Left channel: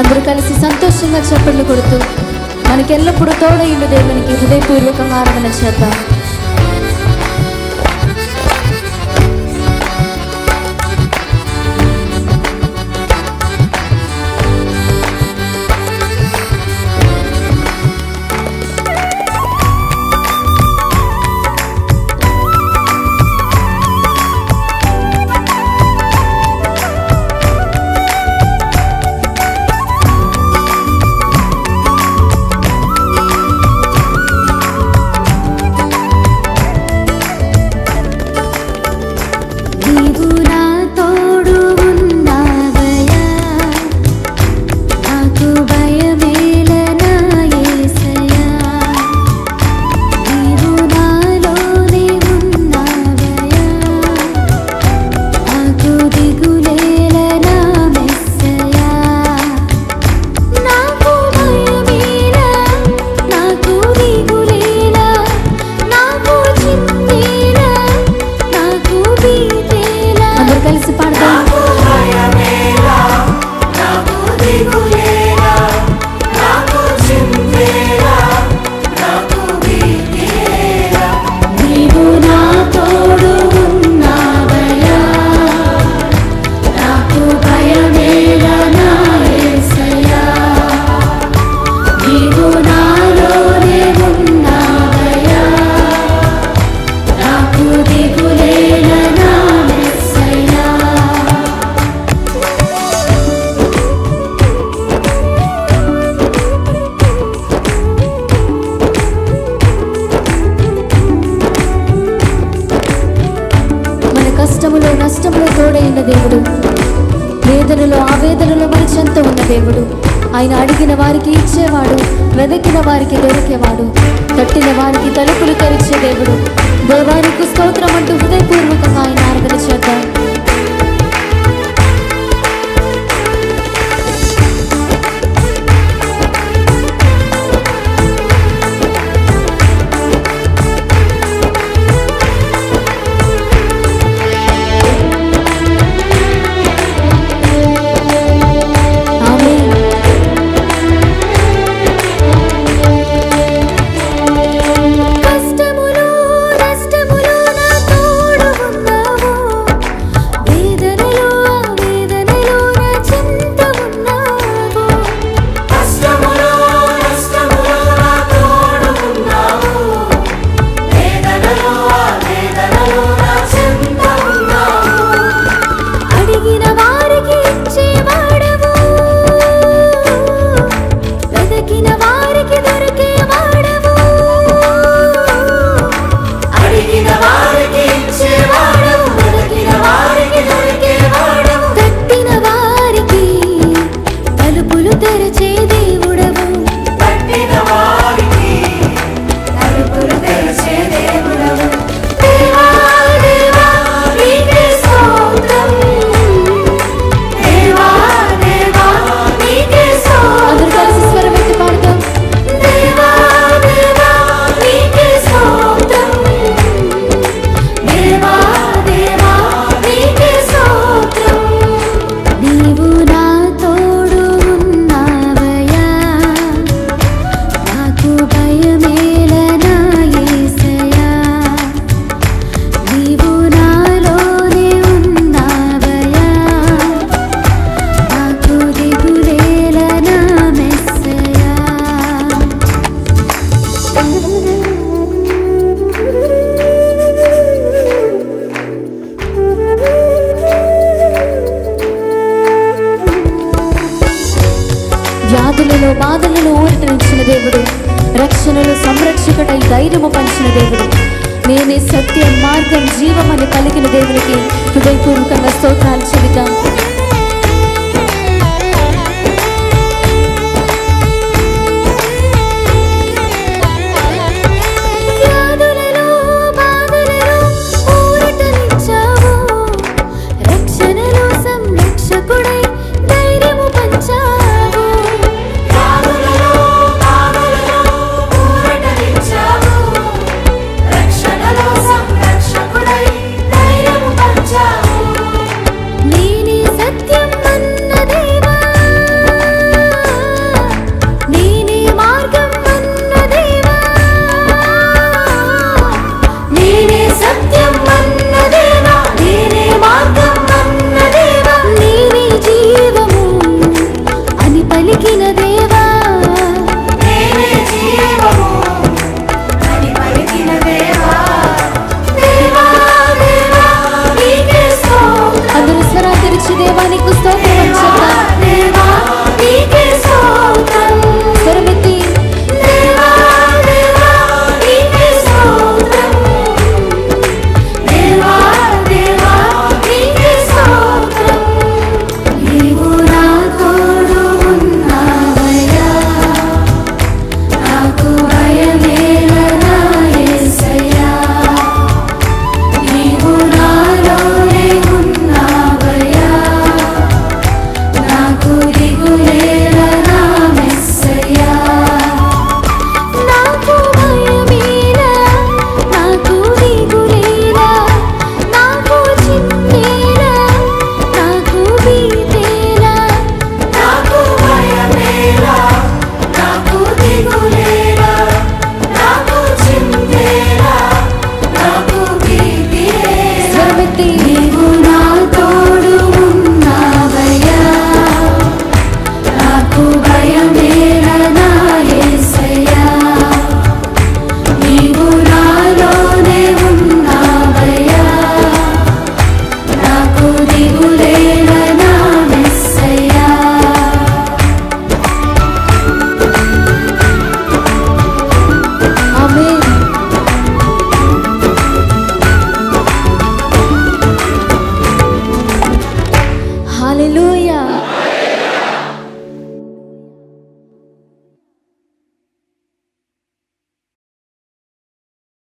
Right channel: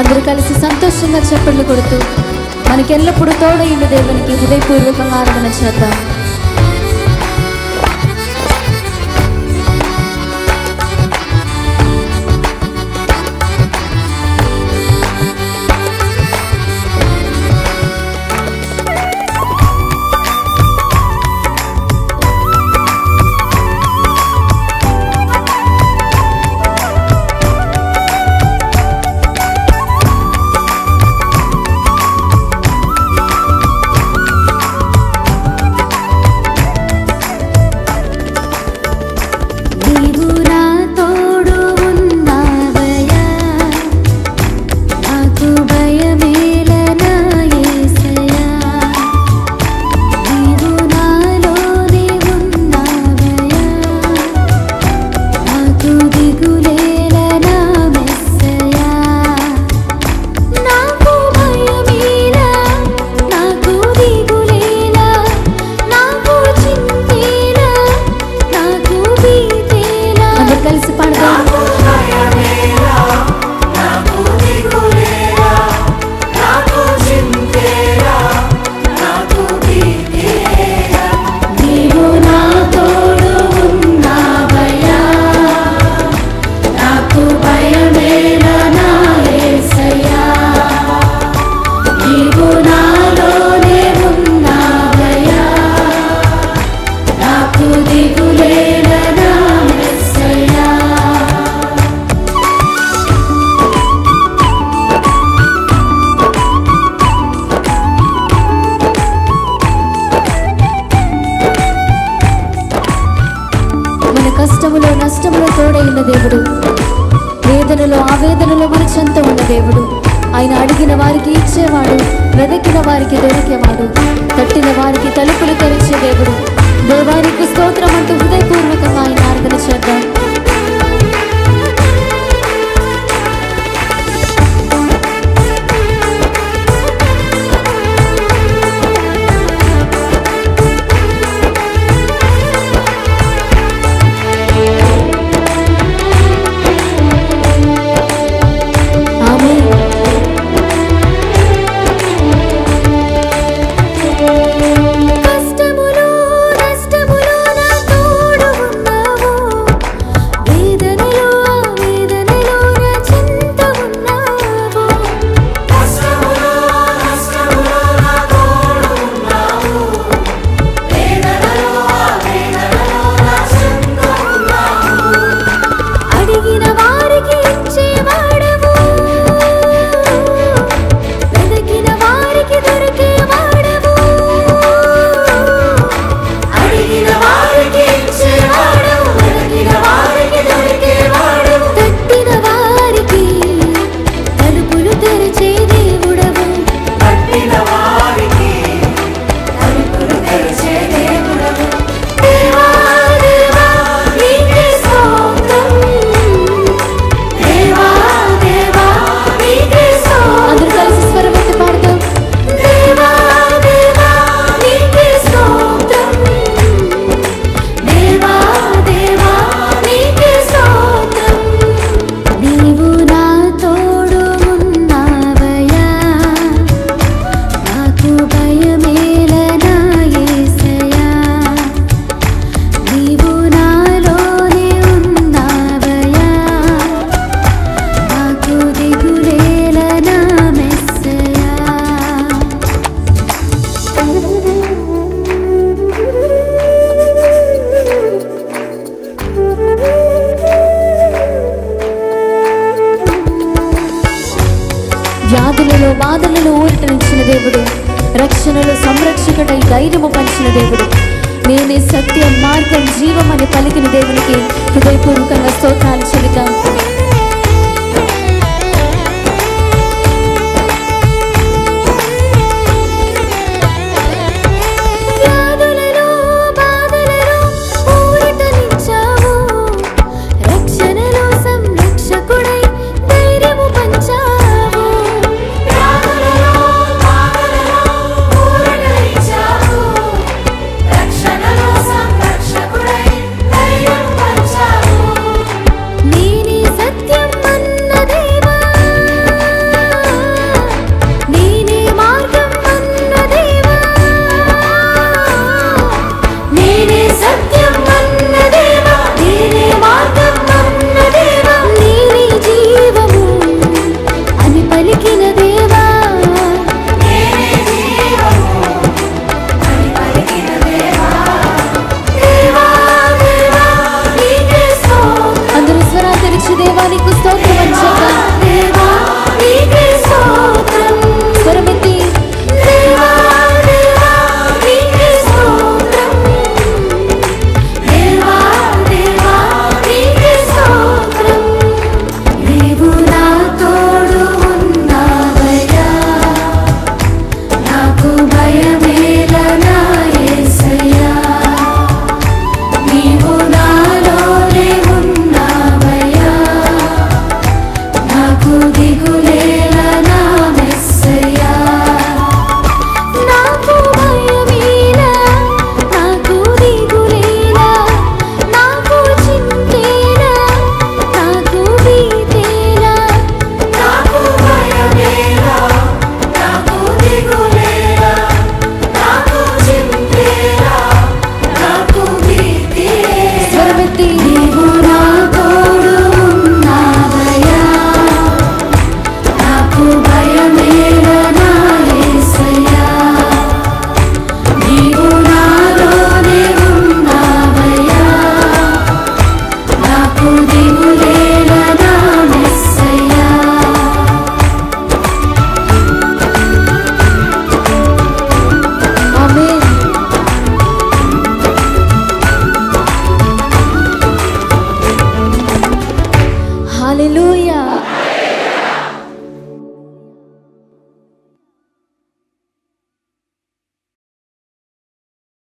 అందరూ కలిసి సంతోషంగా చప్పట్లు కొడుతూ మనకెల్లప్పుడూ తోడైన దేవునికి హృదయపూర్వకంగా ఆరాధన చేద్దాం. కలిసి పాడదాం. నీవు నా తోడు ఉన్నావయ్యా, నాకు భయమేలా నా యేసయ్యా. నీవు నాలోనే ఉన్నావయ్యా, నాకు దిగులేలా నా కష్టములో నష్టములో తోడైన దేవుడు, వేదనలో ఆవేదనలో మన చెంత ఉన్న దేవుడు. ఆయన అడిగిన వారికి ఇచ్చేవాడు, వెదకిన వారికి దొరికేవాడు, తట్టిన వారికి తలుపులు తెరిచే దేవుడు. దేవానికి స్తోత్రం అంటూ హృదయపూర్వకంగా ఆయన ఆరాధన చేద్దాం. వ్యాధులలో బాధలలో ఊరటనిచ్చిన దేవుడు, రక్షణలో సంరక్షకుడై ధైర్యము పంచిన దేవుడు, నేనే సత్యం మార్గం జీవం అని పలికిన దేవునికి హృదయపూర్వకంగా స్తోత్రాలు చెబుతాం. నేనే హల్లెలూయా.